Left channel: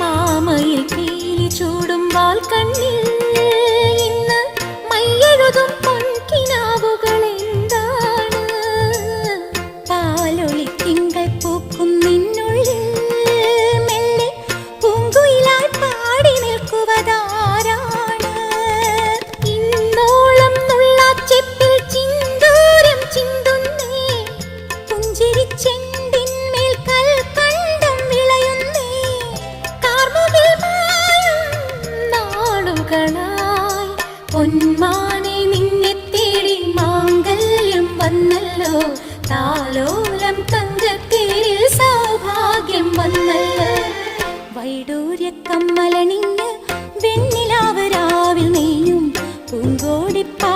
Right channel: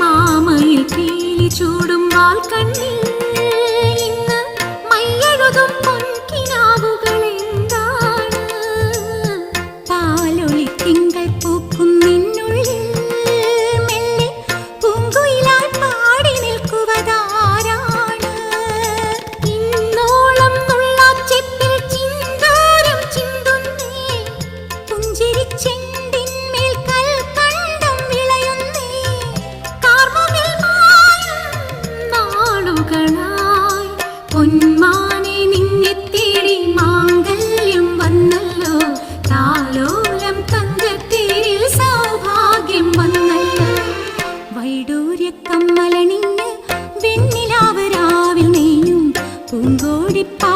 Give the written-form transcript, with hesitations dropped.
മാമയിൽ പീലി ചൂടും വാൽ കണ്ണിൽ ഇന്ന് മയ്യെഴുതും പൊൻകിനാവുകൾ എന്താണ്? പാലൊളി തിങ്കൾ പൂക്കും നിന്നുള്ളിൽ മെല്ലെ പൂങ്കുയിലായി പാടി നിൽക്കുവതാരാണ്? ഇന്നോളം നുള്ളാച്ചെപ്പിൽ ചിന്തൂരം ചിന്തുന്നേ, പുഞ്ചിരിച്ചെണ്ടിന്മേൽ കൽക്കണ്ടം വിളയുന്നേ, കാർമുകിൽ മായും നാളുകളായി പൊന്മാനെ നിന്നെ തേടി മാംഗല്യം വന്നല്ലോ, താലോലം തങ്കത്തേരിൽ സൗഭാഗ്യം വന്നല്ലോ. വൈഡൂര്യ കമ്മലണിഞ്ഞ് വെണ്ണിലാവ് രാവിൽ നെയ്യും പൂങ്കോടിപ്പാ